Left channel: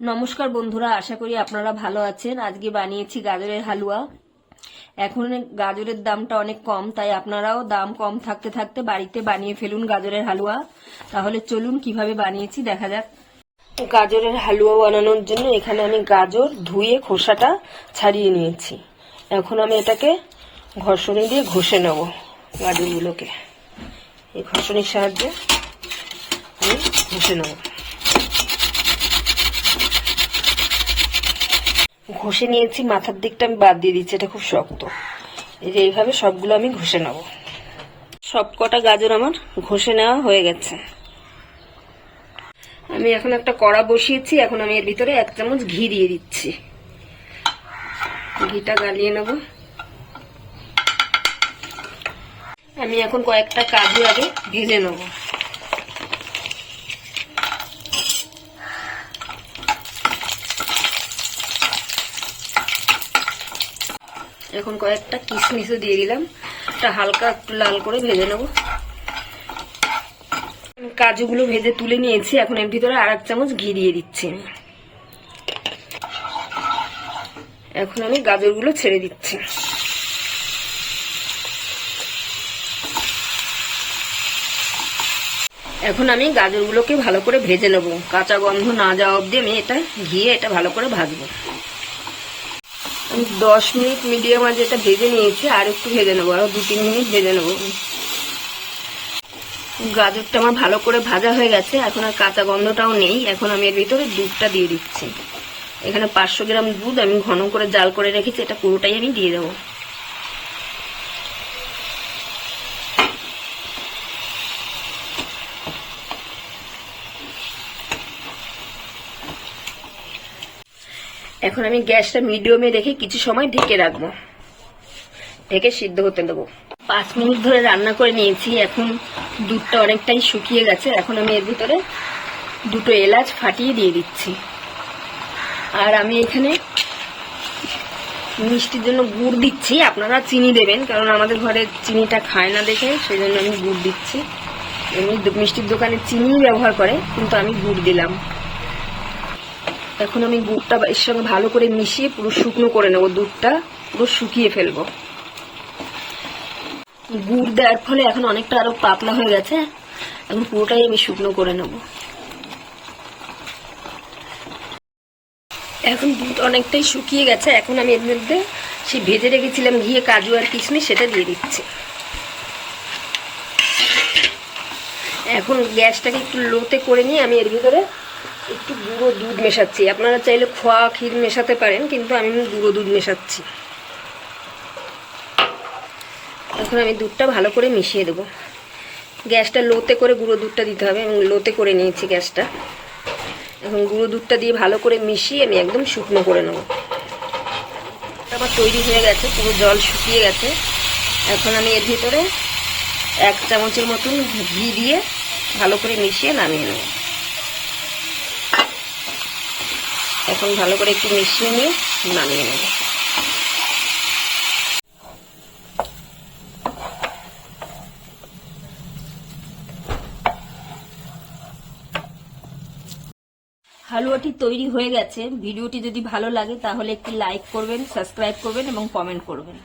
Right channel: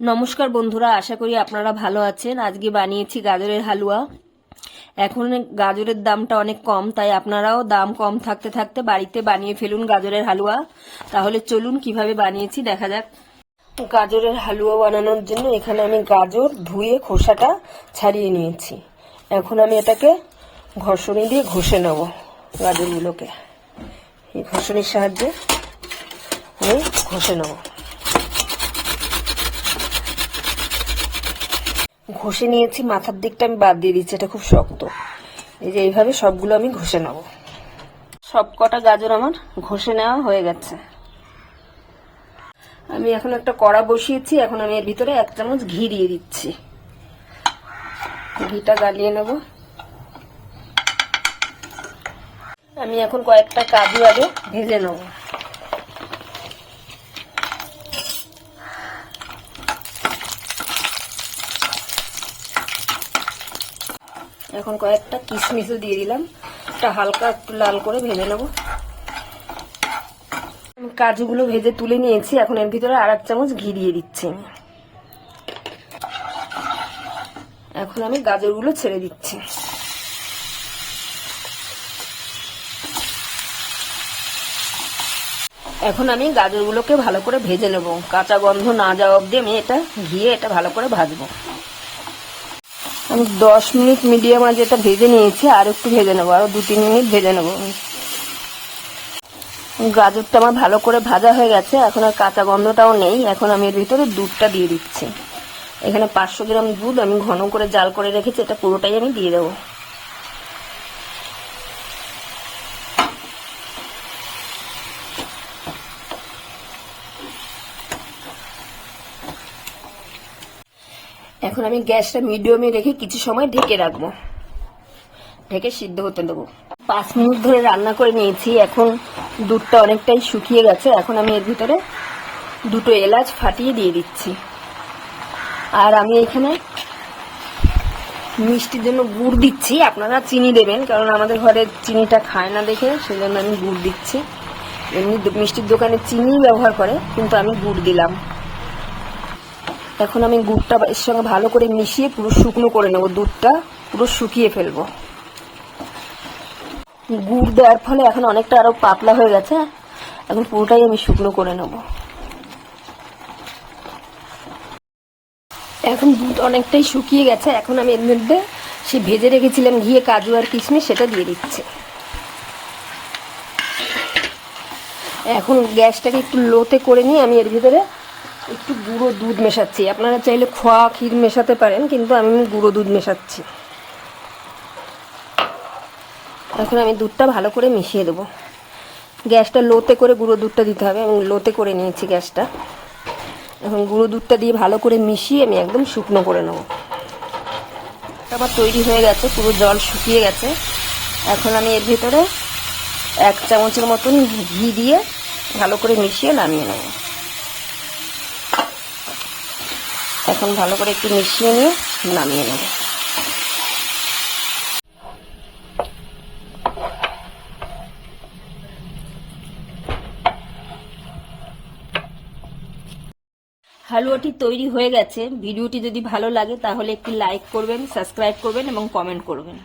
নমস্কার বন্ধুরা, আশা করি আপনারা ভালো আছেন। আজকে বানিয়েছি গাজরের হালুয়া। এখন গাজরের দামটা অনেক কম, তাই আপনারাও দাম কম থাকতে থাকতে বাড়িতে বানিয়ে ফেলুন গাজরের হালুয়া। তাহলে চলুন কিভাবে বানিয়েছি দেখা যাক। গাজরের হালুয়া বানানোর জন্য এখানে আমি গাজর ধুয়ে খোসাটা ছাড়িয়ে নিয়েছি। এখন আমি এটাকে ঘষণি দিয়ে ঘষে নেব। গাজরগুলোকে এই ঘষণির সাহায্যে আমি ঘষে নেব। ঘষে নিয়েছি, মাথার দিকটা আমি বাদ দিয়ে দিচ্ছি, এটা খুব শক্ত। এই যে এইভাবে সবগুলো আমি ঘষে নেব। সব কটা গাজর আমার ঘষে নেওয়া হয়ে গেছে। আমি এখন একটা কড়া বসিয়েছি। এখন আমি এর ভিতরে 1 চামচ ঘি দিয়ে দিচ্ছি। ঘিটা গালিয়ে নেব। আমি এখন কয়েকটা কাজু আগে ভেজে নেব। এখন কয়েকটা কিশমিশও দিয়ে দিলাম, এটা হালকা একটু লাল করে ভেজে নেব। কাজুগুলো ভেজে তুলে নিয়েছি। এখন এর ভিতরে আর 1 চামচ ঘি দিয়ে দিচ্ছি। এখন আমি গাজরগুলো ছেড়ে দিচ্ছি। এখন আমি গাজরগুলোকে ভালো করে ভেজে নেব, কাঁচা গন্ধ না যাওয়া অবধি আমি এটা ভালো করে ভাজবো। আমি 10 মিনিট মিডিয়াম আঁচে এটা ভেজে নিয়েছি, আর একটু ভেজে নেবো, আর 2-3 মিনিট ভেজে নেবো। গাজরটা আমার ভালো করে ভাজা হয়ে গেছে, এখন আর কাঁচা গন্ধটাও নেই। এখন আমি এর ভিতরে দুধটা দিয়ে দিচ্ছি। এখানে 500 গ্রাম দুধ আমি ঘন করে জাল করে রেখেছি, এটা পুরোটাই আমি দিয়ে দেবো। এখন আমি গ্যাসটা মিডিয়ামে রেখে কিছু সময় ঢেকে রাখবো, ঢেকে সিদ্ধ হতে দেবো। 5 মিনিট ধরে রান্না করে নিয়েছি। এখন দুধটা অনেকটাই শুকিয়ে গেছে। এখন আমি এর ভিতরে 2টো এলাচ ফাটিয়ে দিয়ে দিচ্ছি। আর আমি এখানে মিষ্টির জন্য গুড় দিচ্ছি। আপনারা চিনি দেবেন, কারণ আমাদের ঘরে চিনিটা খায় না দেখে সেই জন্য আমি গুড় দিচ্ছি। এমনি মিষ্টির দোকানে চিনি ব্যবহার করে, কিন্তু আমি গুড় দিলাম। এখন আমি গুড়টা এর সঙ্গে ভালো করে মিশিয়ে পুরো শুকনো করে নেবো। দুধটা পুরো শুকিয়ে ফেলবো। গুড় দেওয়ার ফলে এখন অনেকটা আরো পাতলা হয়ে গেছে। এখন পুরোটাই আমি শুকনো করে নেব। এখন দুধ অনেকটাই শুকিয়ে গেছে। এখন আমি এর মধ্যে সেই ভেজে রেখেছিলাম ঘিয়ে কাজু আর কিশমিশ, সেটা দিয়ে দিচ্ছি। এখন গ্যাসটাকে একটু লোতে করে নিয়ে আমি এর ভিতরে একটু গুঁড়ো দুধ মেশাচ্ছি। আপনারা চাইলে খোয়া ক্ষীর মেশাতে পারেন, কিন্তু আমি গুঁড়ো দুধ মেশাচ্ছি। এখন আমি দুধটা ভালো করে মিশিয়ে দেবো। গ্যাসটা লোতে করে গুঁড়ো দুধটা দিতে হবে। আমি লোতে করে নিয়েছি গ্যাসটা। এখন গুঁড়ো দুধটা দিয়ে ভালো করে মিশিয়ে আমি একদম শুকনো করে নেব। আমার তৈরি হয়ে গেছে, পুরো জল শুকিয়ে গেছে। এখন আমি এর ভিতরে 1 চামচের মতন ঘি দিয়ে ভালো করে মিশিয়ে নামিয়ে নেব। এখন ভালো করে একটু মিশিয়ে নিয়ে নামিয়ে নেব। হালুয়াটি তৈরি হয়ে গেছে। ভিডিওটি যদি ভালো লাগে তাহলে একটু লাইক করবেন, সাবস্ক্রাইব করবেন এবং কমেন্ট করবেন।